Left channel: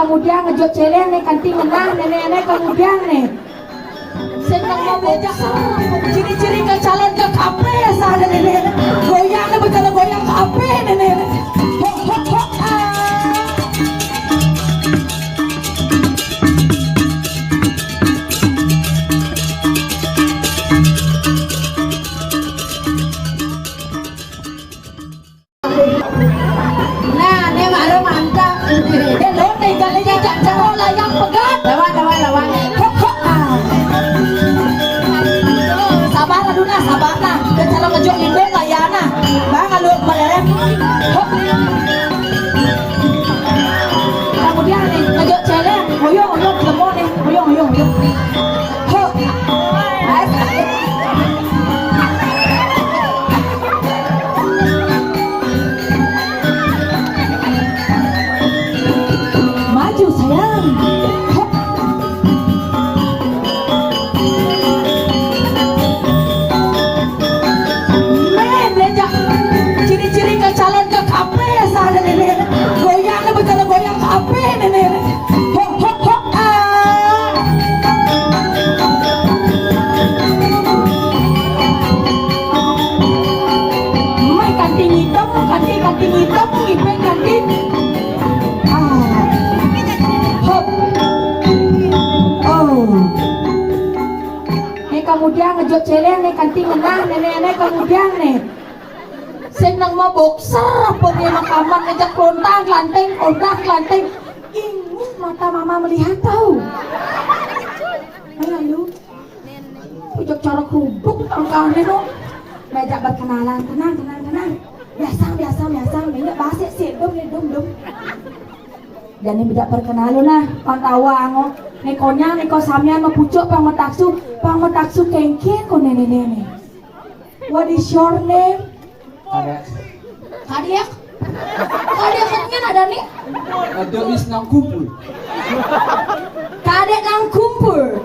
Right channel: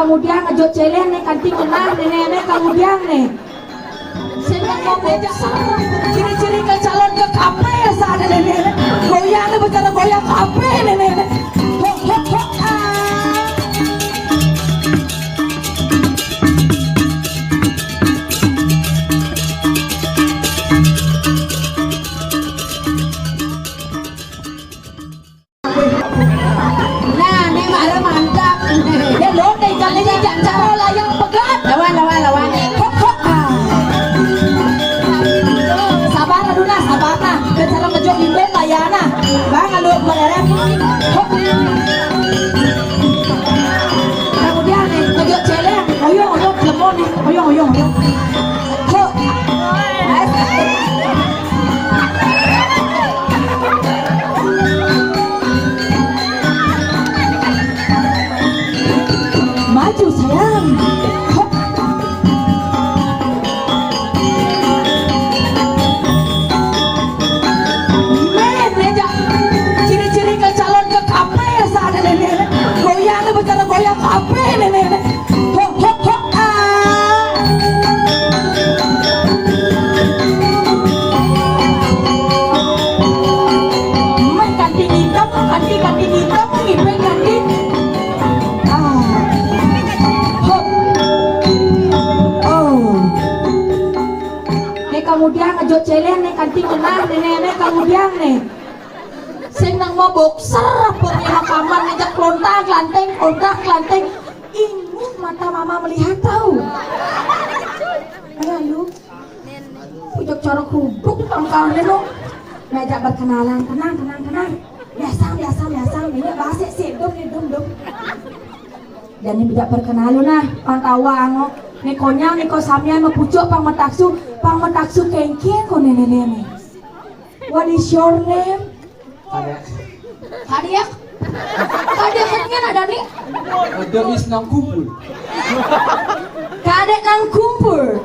kemudian ngejot celeng nih kanting menang nenek kemudian nih senang mau bejak ciri-ciri ke calon ke kafe sana nenek goyang betul goyang kafe nenek kemudian ngejot celeng nih kanting menang nenek kemudian nih senang mau boxer punya makaman ngejak lontang lanteng ini mata mama melihat tahu ayo lu ujak cara kerubuk tangkangnya lu ngajak berkenalan tenang biasa minyak basi sih dong dan ini tidak perkenalan lah pantawang Nekonya, neko samnya mapucuk pang metaksu kengkeng ko nene. What is your name? Kadiak katanya ada nih. Ada is nang kumpul. Kadek nang kumpul.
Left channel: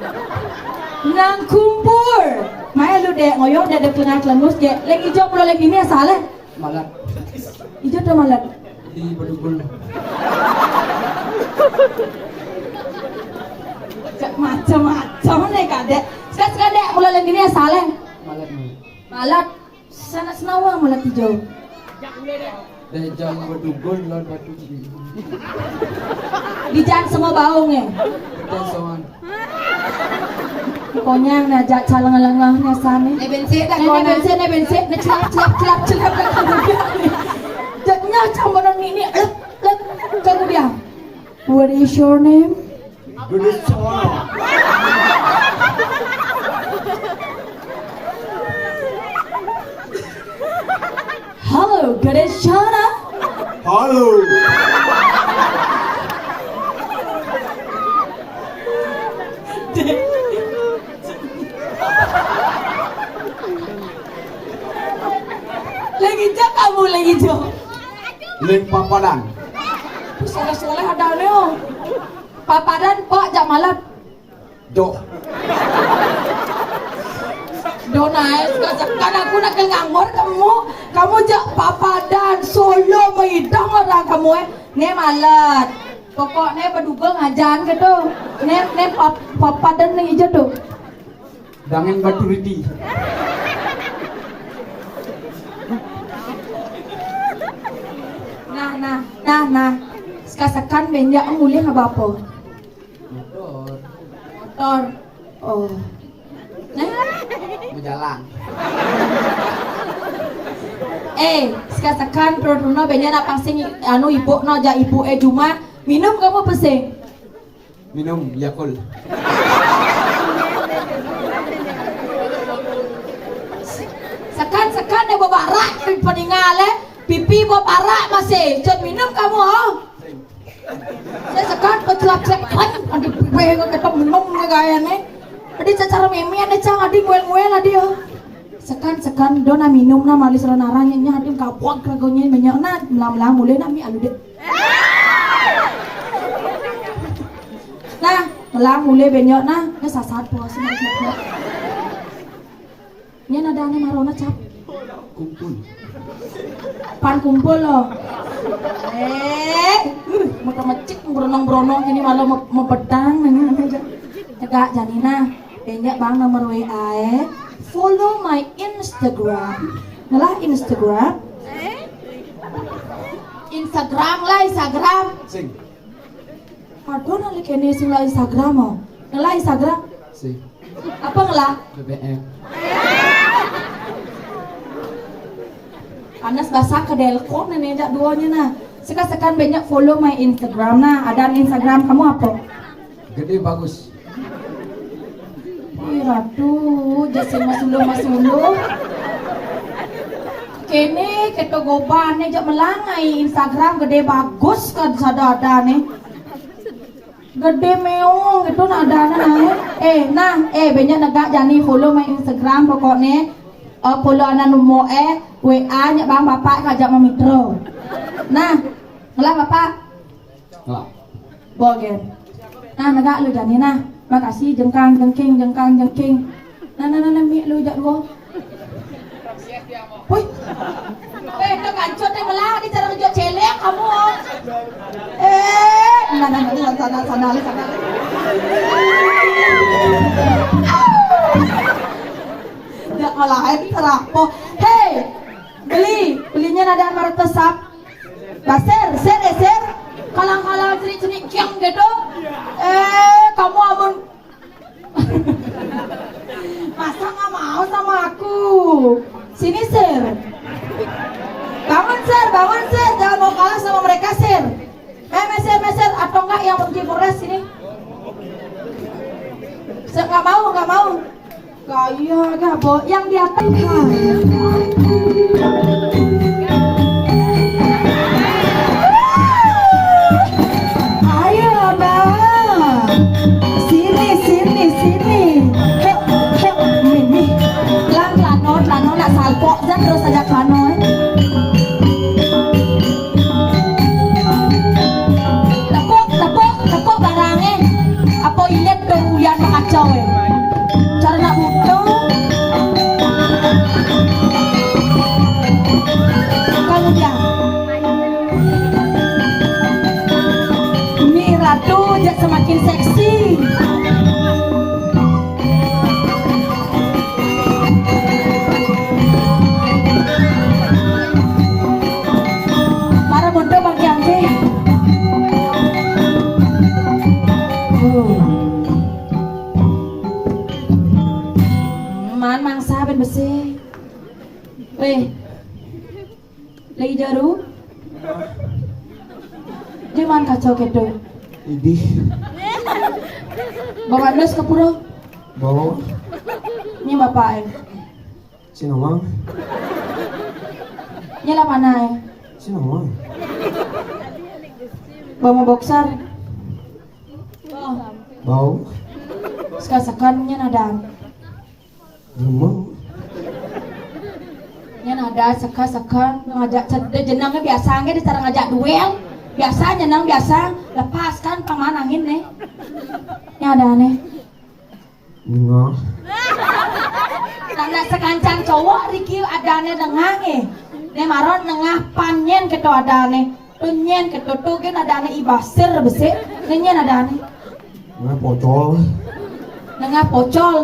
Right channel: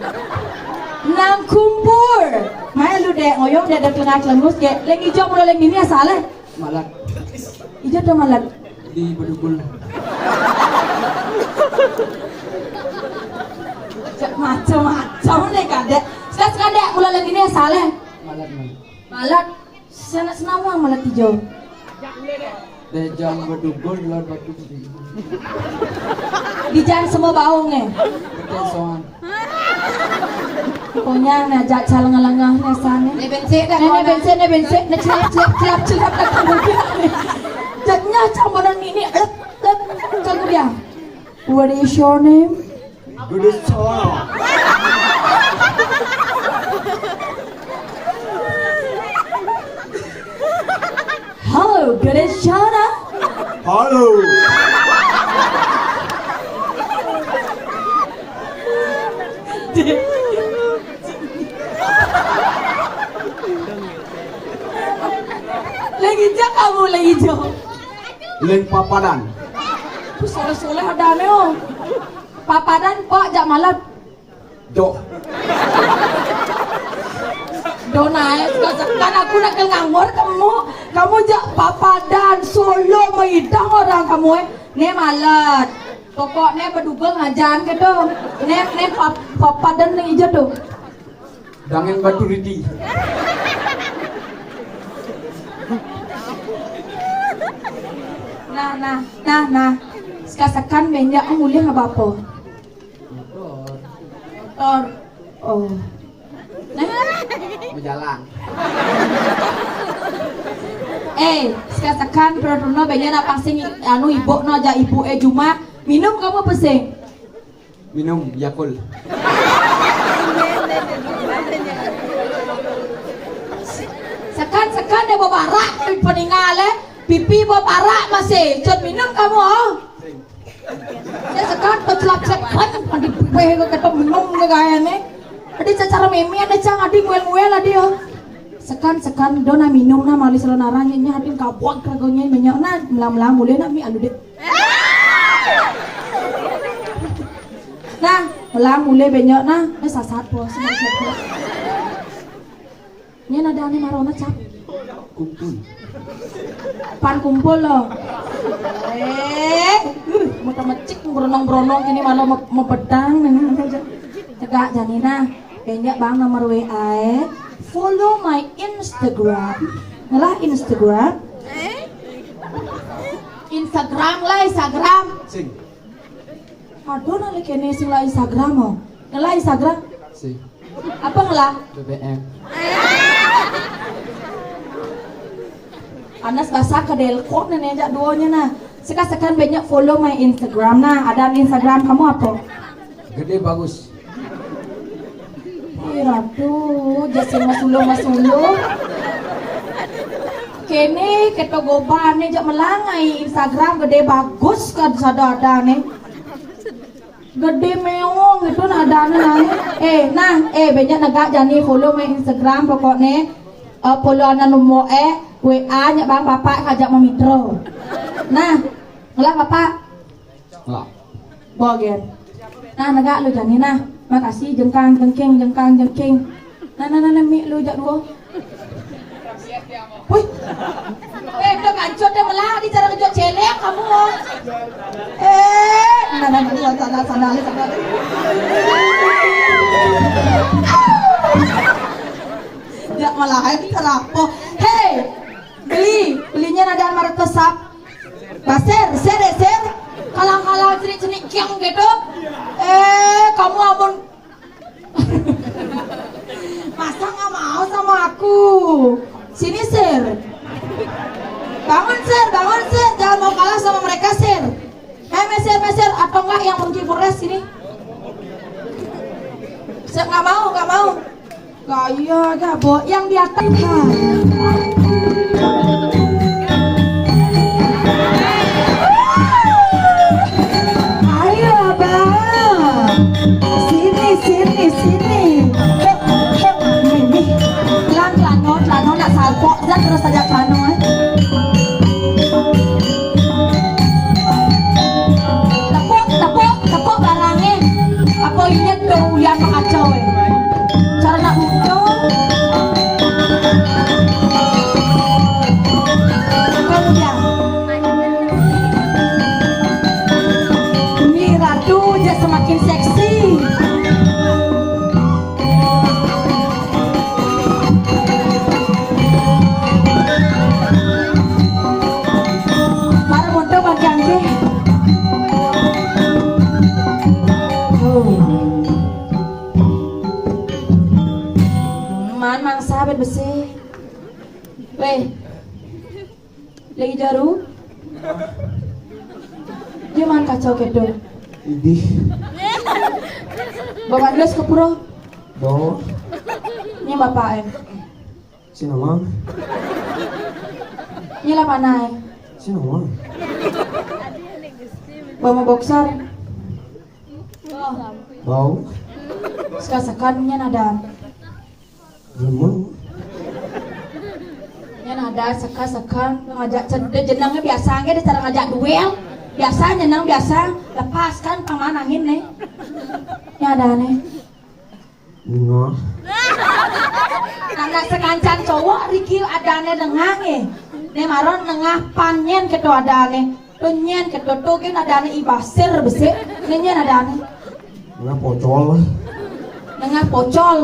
Mai lu dek ngoyong dek kelengah kelengus ke. Lek ijo mulu lek ini asale. Malat. Ijo tuh malat. Di Bedugul. Macam nih kadek. Sekarang dek mulu lek ini asale. Malat. Sana senawang malat hijau. Dejang Bedugul lor batu. Di jalan semua baungnya. Kedansoan. Pokoknya ngajak caleng-lengah nyasane. Ne bensin dah Ne bensin, ne celap dah kemudian. Jadinya campuran ini kemudian. What is your name? Duduk cawang. Halo, Gadeshana. Halo. Lagi jak kamu lagi jak. Leng papadan. Sekolah ada neo. Papadan pak jak malat. Do. Donai, kan aku nak nganggur kamu jak papadan Solo Meidang orang kamu ne malat. Pokoknya Bedugul ngajan gitu. Ne papadan nih aja tuh. Dangen batu riti. Nah. Sekasakan benja mulia nggak apa? Motor. Oh. Nah. Berjalan. Sekasakan produno benja nak pasing anu ibu no ja ibu Juma minum kamu pesing. Minum Yakul. Sekan dia bawa barak peninggal pipi bawa barak masih jangan minum kamu saya sekan pecelap adi pipi kata minum gayanya adi secara mimi ada cang adi nguel adi sekan dona minum na malis lanaranya nya adi kabuang kragonya banyak na melam mulai nami anu deh nah melam mulai banyak na sasat puas semua nya nadane marona cap Kumpul. Pan kumpul loh. mecik beronong-beronong ini malah mau pedang ini aja. Tegak Janina, enggak bang nomor WA. Follow my Instagram. Ngalah Instagram. Instagram lah Instagram. Sing. Aduh nali kene sing lah Instagram oh. Ngalah Instagram. Sing. Apa ngalah? BBM. Anas bahasa ke delkon nenek jak duanya nah. Sekarang banyak follow my Instagram nah. Ada Instagram kamu apa? Gede bagus. Ih ratu, jasin masulu. Kene keto gobane jak melangai Instagram gede bagus kan ada nih. Gede meong gitu nah ada banyak negak jani follow my Instagram pokoknya follow anak nomor WA nya bang bapak ngajak mau mitro. Nah, ngelah bapak. Ngelah. Bogen. Nah, negak lu jani nah. Makasih jengkang jengking. Nah mi lu jak dua. Wih. Udah ngancot deh melah di cara ngejot celek kamu. Sana. Jak ngelain terapo. Hei, belinya ada martesap. Baser, ser. Kalang cerik kiang gitu. Kamu amun. Masa nggak mau sama aku? Sini ser. Bangun ser, jangan mau kalah sama mereka ser. Meser atau enggak yang menggibures sini? Ser nggak mau. Gaya gabo yang di atas. Ayo bang, sini. Mimi, pelan nak salpok dan terus saja pelan. Tepuk barangnya. Apa ini kerugian makacau cara nak butuh. Kemudian ini ratu dia semakin seksi. Para mondo bagi anjing. Mangsa ben besi. Lagi jaru. Dia man kacau gitu. Idih. Bapak Dos ke pura. Bawa. Ini bapak Sinawang. Ini lah mana Sinawang. Bawa boxer. Bau. Sekarang ada. Rumah. Ada sekan ngajak jenangnya biasanya di cara ngajak duel. Biasa jenang biasa lepaskan pemanangin nih. Ini ada nih. Bunga. Anak sekancan cowok Riki adane dengah nih maron nengah panyen keto adane penyen keto tukin adane ibasir besi nyen adane Nengah pocol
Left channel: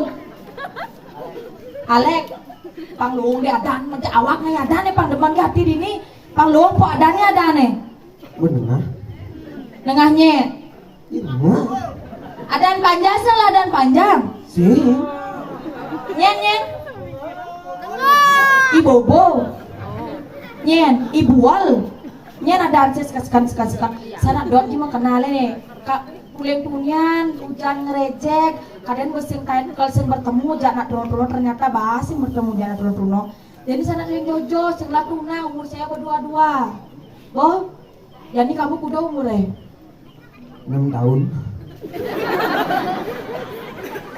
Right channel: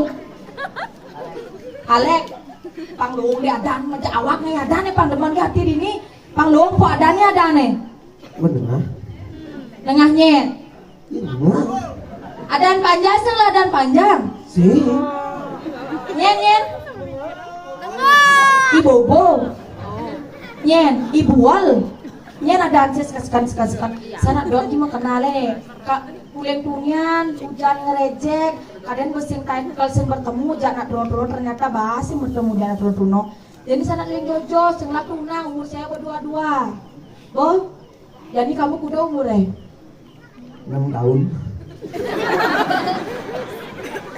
Alek pangluung di adan macam awak nih adane pangdeman ke hati dini pangluung po adane adane Menengah. nengahnya Nengah. adan panjang salah adan panjang Sih. nyen ibobo nyen ibual nyen ada sekan sana dot di mau kenale kak kuliah tunian hujan ngerejek kadang besing kain kalsen bertemu jangan turun ternyata bahasi bertemu jangan turun jadi sana kalian jojo setelah tunang umur saya berdua boh jadi kamu kuda umur 6 tahun.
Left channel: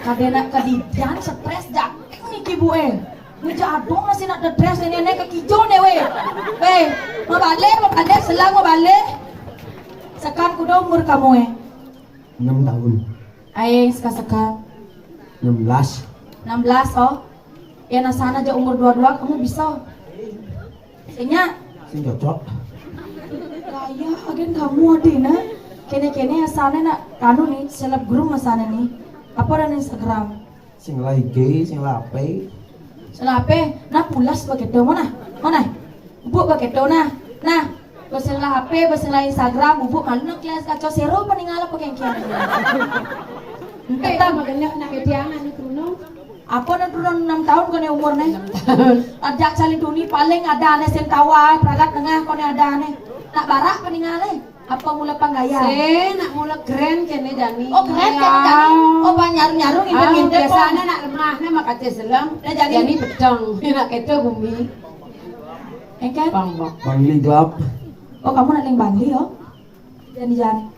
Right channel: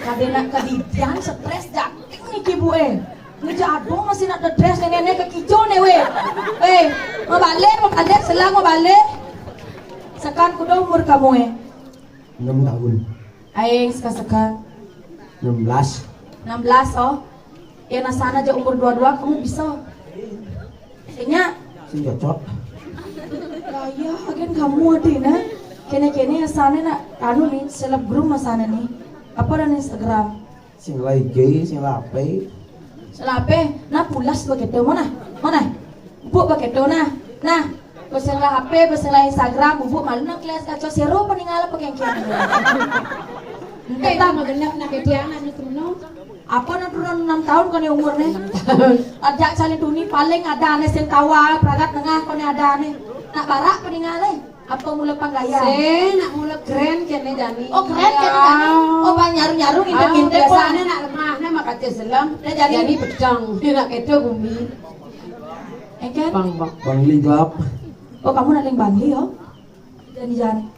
kadena kadidian stres jakting nih kibu ini jadong masih nak dress nenek ke kijau nih mau balik selang mau balik sekarang kuda umur kamu 6 tahun. sekarang 16. 16 oh ya nasana aja umur 22 kamu bisa sehingga Sing cocok. kaya agen kamu adina sana nak kanu nih selebgram masana nih. Apa dan Instagram? Sing lagi, sing lape. Selape, nah pulas begitu mana? Mana? Bubuk begitu nah bersela HP, bersela Instagram, bubuk malu nak kelas kacau sero peninggalan pakai kian. Kita makanya nak ketiangan itu no. Apa nak turun 6 tahun kau umurnya? Ada cali tuni paling ada ane sing tawa peragat tengah kau ada ane. Nak barak peninggalan. Apa mula panggaya? Nak mula keren kene Dani. Oh keren kan Dani? Oh nyaru-nyaru ngintip Biasanya nak lemahnya makanya selam. Jadi pedang. Nak itu bumi. Engkan? Bang Liglap. Oh kamu nak yang Bangli oh? Jangan.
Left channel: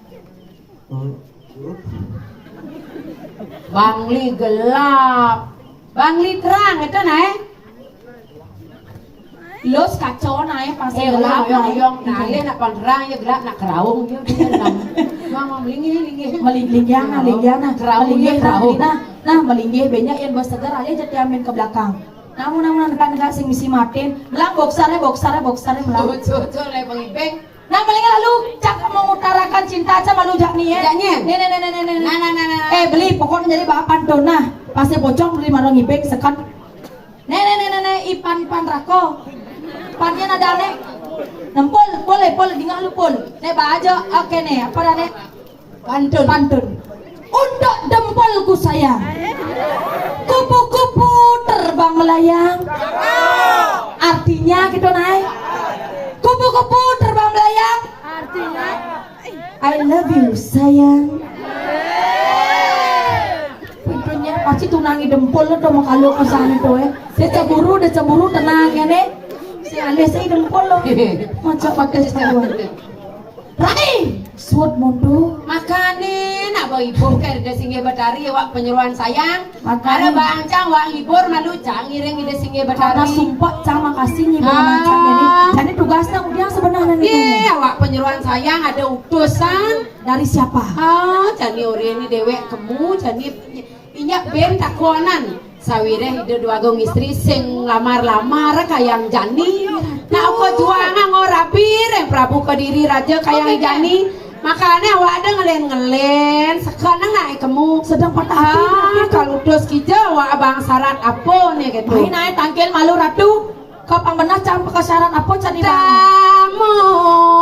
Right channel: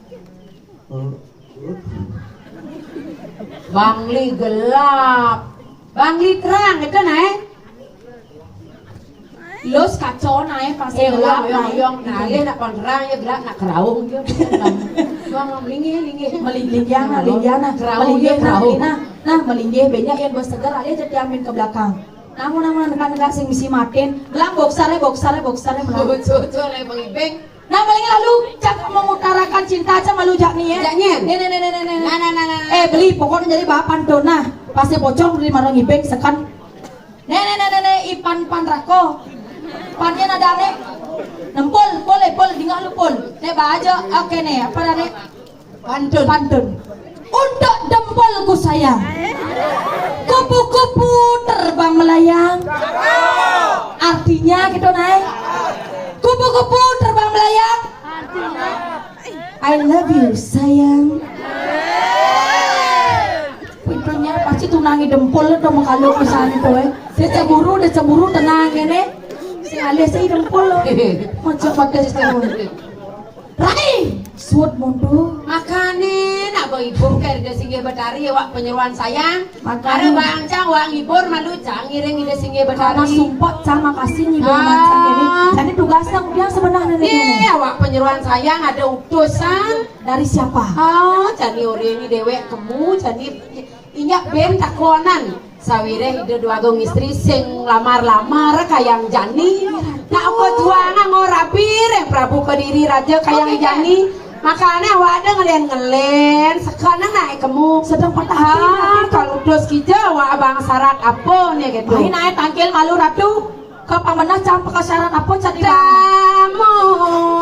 Bangli gelap. Bangli terang itu naik. Los kacau naik pasti Gelap gelap yang naik nak pangerang ya gelap nak keraung dia. Mama melingi. Melinggihana, Keraung dia keraung. Nah melinggih banyak yang berseger aja jadi amin ke belakang. Namun nekan sing misi matin, belang boksare belang. Betul le pengibeng. Nah maling lalu cak mengutarakan cinta aja malu jak nih ya. Jaknya. Nah. Beli pokoknya jadi bapan tuh nah. Pasnya pocong beli malu ngibeng sekan. Ipan rako. Pannya ada ane. Nempol, boleh tinggal lu pol. Baju ake nih apa ane? Pantun. Untuk dempolku sayang. Kupu-kupu terbang melayang. Artinya gitu naik. Kupu-kupu terbang melayang. I love you sayang. Pintunya pasti tunangi dempol udah mengkalu pisan tuh. Dia cemburu tenang kene. Si alias si dempol macam sekali. Rai, suat mundu. Makane nak ibu kerja singgih betari wak penyeruan sayang. Ada Makane. bang cang wak ngibur malu cang ngiring ide singgih Karena betari. sumpah cang makasih nih macam ini. Jadi tugasnya dia sebenarnya nih. Iya wak penyeruan sayang ada utusan. Dari siapa? Jani ori ini dewek kemu jani inyak ben takonan. Sawire hidup dua gong istri sing lamar-lamar kayang jani. Nak aku juangan ora pireng Prabu Kediri raja kayang jani. Makanya awak ada ngelen sekarang naik kemu Sedang patah hati. kalau dos kija awak abang syarat apa nih gitu. Main naik tangkil malu ratu. Kau pamenah campur ke syarat apa cari bang? Damu